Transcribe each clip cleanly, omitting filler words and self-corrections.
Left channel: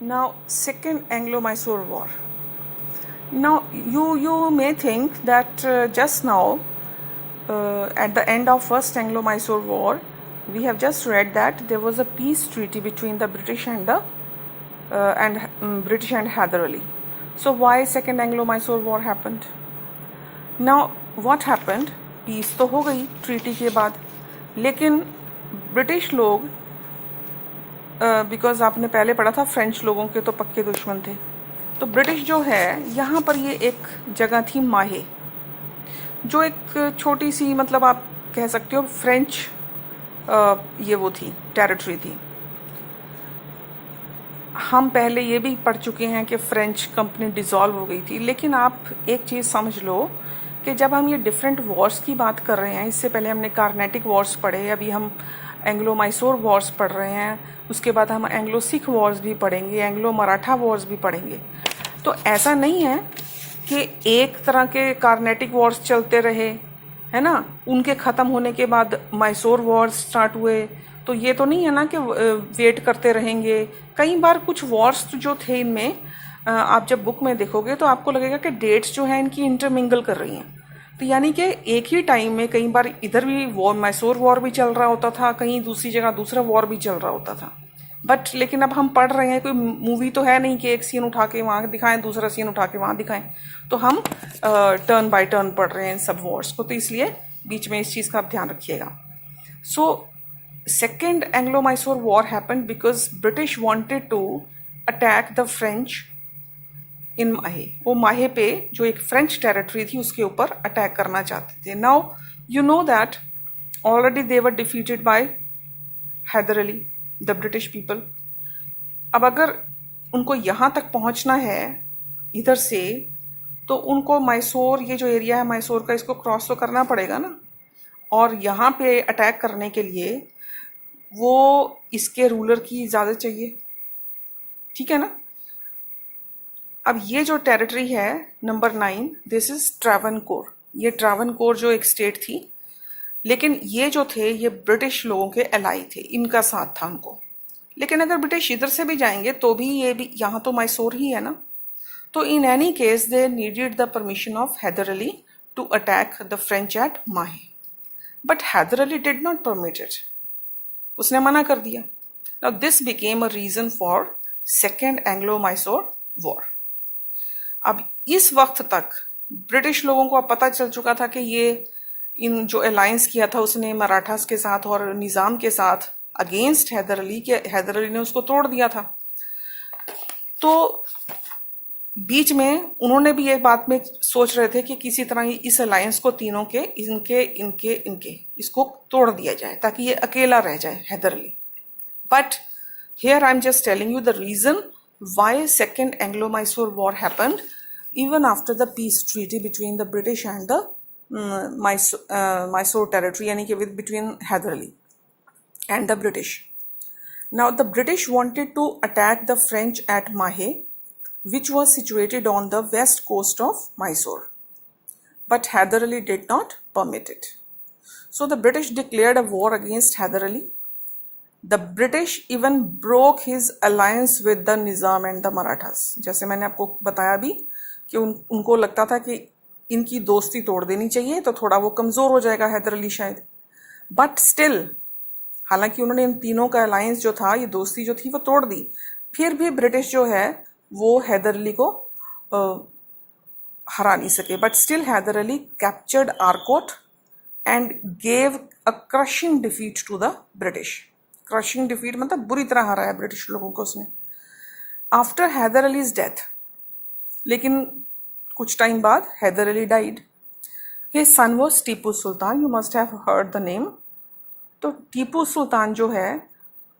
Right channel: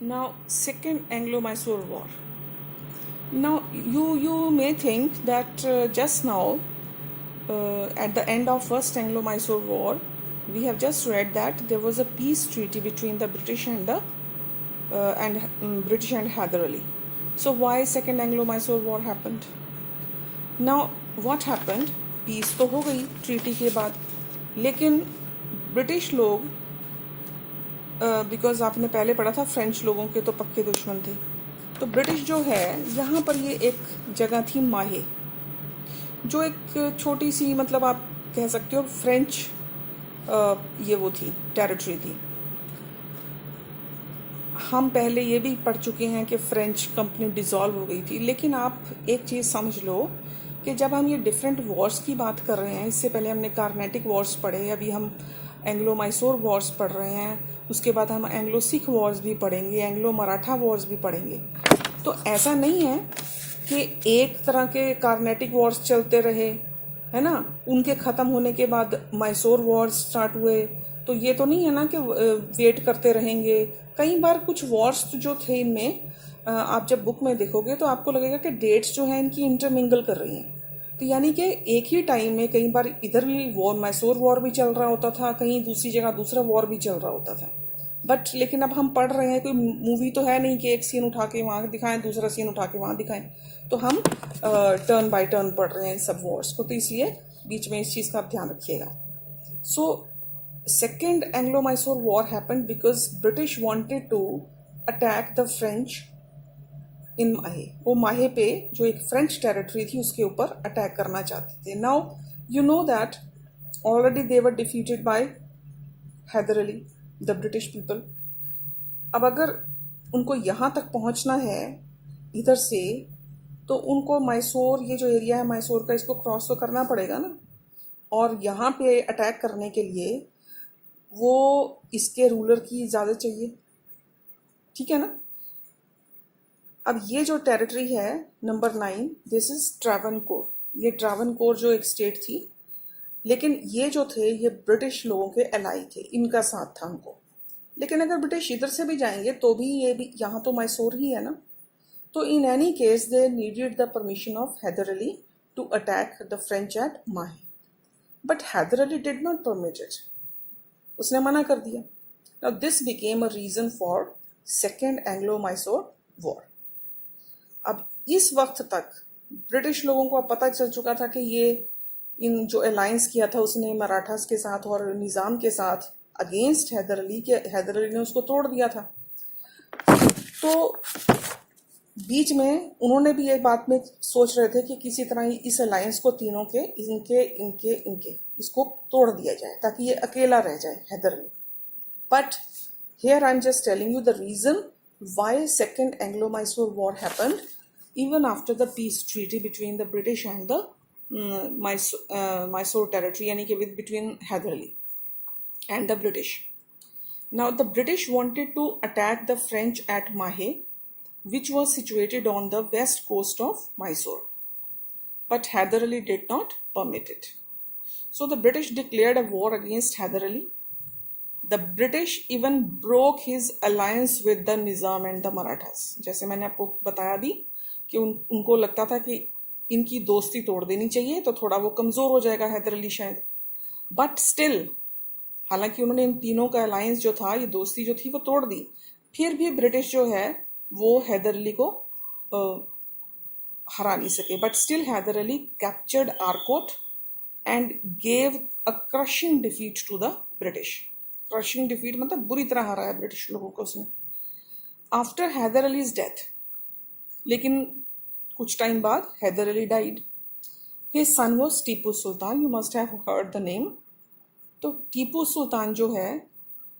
Now, Second Anglo-Mysore War. Now, you may think that just now, at the end of First Anglo-Mysore War, we have just read that there was a peace treaty between the British and British and Hyder Ali. So why Second Anglo-Mysore War happened? Now, what happened? Peace तो हो गई treaty के बाद, लेकिन British लोग, because आपने पहले पढ़ा था फ्रेंच लोगों के तो पक्के दुश्मन थे, तो ब्रिटिश जो है यहाँ पर ये एक जगह थी माहे, जो एक छोटी सी, मतलब आप कह सकते हो फ्रेंच ये वो थी, टेरिटरी थी। हम पहले ये भी पढ़ चुके हैं कि फ्रेंच कंपनी डिसॉल्व हो गई थी, लेकिन आप एक चीज़ समझ लो कि जब हम ये डिफरेंट वॉर्स की बात कर रहे हैं, इससे पहले हमने कार्नेटिक वॉर्स पढ़े, अभी हम एंग्लो मैसूर वॉर्स पढ़ रहे हैं, उसके बाद हम एंग्लो सिख वॉर्स भी पढ़ेंगे, एंग्लो मराठा वॉर्स भी पढ़ेंगे। तो ऐसा नहीं है कि एक तरह के कार्नेटिक वॉर्स चलते रहे, है ना, उनके ख़त्म होने के बाद मैसूर वॉर्स स्टार्ट हुए, तो ये तो नहीं है ना कि वेट करते रहेंगे। कई बार कुछ वॉर्स जो थे इनमें, आप जब बुक में देखोगे तो आपको लगेगा कि डेट्स जो है इनकी इंटरमिंगल कर रही हैं, तो यानी कि एक ही टाइम में कई बार इधर भी वॉर, मैसूर वॉर भी चल रहा होता था, कहीं दूसरी जगह दूसरा वॉर भी चल रहा होता था। बट लेकिन अब हम पढ़ रहे हैं, कोई मूवी तो है नहीं कि एक सीन उठा के वहाँ दिखाएं, दूसरा सीन उठा के वहाँ दिखाएं, तो हम टर्न बाय टर्न पढ़ रहे हैं इन सब वॉर्स को, तो इसलिए बीच में इस चीज़ का आप ध्यान रखिएगा। So second Anglo Mysore war happened because British wanted to attack the French in Mahe. वो माहे पे जो एक फ्रेंच टेरिटरी थी उसके ऊपर अटैक करना चाहते थे। Now you know that already they were defeated by Haider Ali, the British people. अब अगर उनको यहाँ तक पहुँचना है इधर से, तो उनको मैसूर, ये जो एरिया है मैसूर का, इसको क्रॉस तो करना पड़ेगा ना, और यहाँ पे अटैक करने के लिए वो इसके रूलर की इजाज़त चाहिए, ठीक है ना। अब ये जो टेरिटरी है नंबर 9, दिस इज ट्रावनकोर। ये ट्रावनकोर जो एक स्टेट थी, लेकिन ये जो थे ये ब्रिटिश लोगों के एलाई थे, इनका साथ था उनको। लेकिन अगर ब्रिटिश इधर से भी जाएंगे तो भी ये भी, यहाँ तो मैसूर ही है ना, तो in any case they needed the permission of Hyder Ali to attack the French at Mahe, but Hyder Ali did not permit it, उसने मना कर दिया। Now this became a reason for second Anglo Mysore war. अब इस वक्त तक ब्रिटिश लोगों को अब पता चल चुका था कि ये इन जो अलायंस किया था उसने मराठास के साथ और निज़ाम के साथ अगेंस्ट हैदर अली के, हैदर अली ने उसको तोड़ दिया था। तो बीच में उन्होंने भी ये बात में सोच रहे थे कि किसी तरह इस अलायंस को, तीनों के, इनके इनके इनके इसको तोड़ दिया जाए ताकि ये अकेला रह जाए Haider Ali. But here I'm just telling you the reason why Second Anglo-Mysore War happened even after the peace treaty between the British and the Mysore territory, यानी कि between Hyder Ali and the British. Now the British wanted to attack the French at Mahe, which was situated on the west coast of Mysore, but Hyder Ali did not permit it. So the British declared a war against Hyder Ali. The British even broke his alliance with the Nizam and the Marathas. जैसे मैंने आपको बताया भी कि उनको लगता था कि इनकी दोस्ती तोड़ देनी चाहिए तो थोड़ा वो कमज़ोर हो जाएगा हैदर अली शायद। बट स्टिल, हालांकि उन्होंने इन तीनों का अलायंस जो था, ये दोस्ती जो थी, वो तोड़ दी, फिर भी ब्रिटिश जो है वो हैदर अली को हरा नहीं सके। But still Haider Ali captured Arcot and gave a crushing defeat to the British. Crushing defeat मतलब बुरी तरह हराया ब्रिटिश लोगों को उसने। आफ्टर हैदर अलीज डेथ, लेकिन कुछ टाइम बाद Haider Ali died. His son was Tipu Sultan, you must have heard the name. तो टीपू सुल्तान जो है,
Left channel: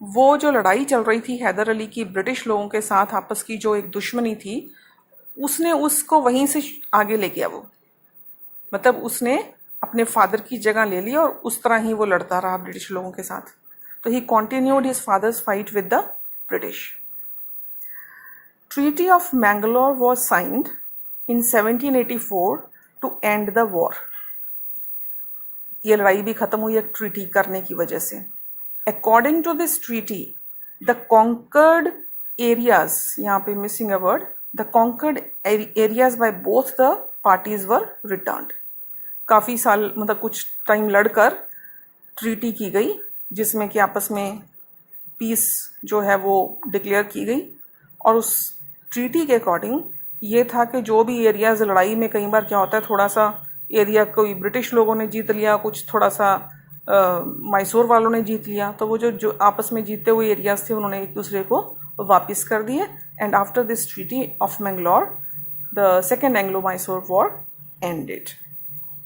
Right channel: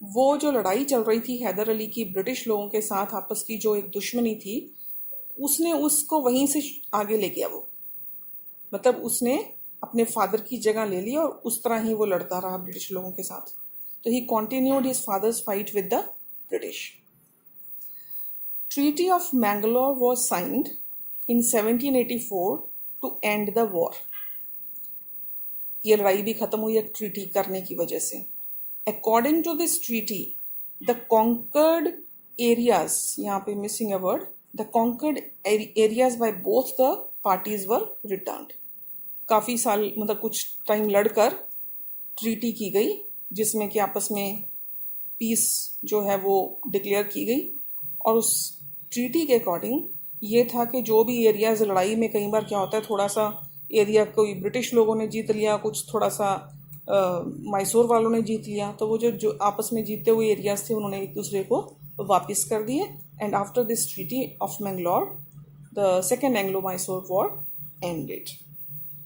वो जो लड़ाई चल रही थी हैदर अली की ब्रिटिश लोगों के साथ, आपस की जो एक दुश्मनी थी, उसने उसको वहीं से आगे ले गया। वो मतलब उसने अपने फादर की जगह ले ली और उस तरह ही वो लड़ता रहा ब्रिटिश लोगों के साथ। तो he continued his father's fight with the British. Treaty of Mangalore was signed in 1784 to end the war. ये लड़ाई भी खत्म हुई एक ट्रीटी करने की वजह से। According to this treaty, the conquered areas, यहाँ पे missing a word, the conquered areas by both the parties were returned. काफ़ी साल मतलब कुछ टाइम लड़कर ट्रीटी की गई जिसमें कि आपस में पीस जो है वो डिक्लेयर की गई। और उस ट्रीटी के अकॉर्डिंग ये था कि जो भी एरियाज लड़ाई में कई बार क्या होता है, थोड़ा सा एरिया कोई ब्रिटिश लोगों ने जीत लिया, कुछ थोड़ा सा मैसूर वालों ने जीत लिया, तो वो जो आपस में जीते हुए एरियाज थे उन्होंने एक दूसरे को वापस कर दिए। And after this treaty of Mangalore the second Anglo Mysore war ended.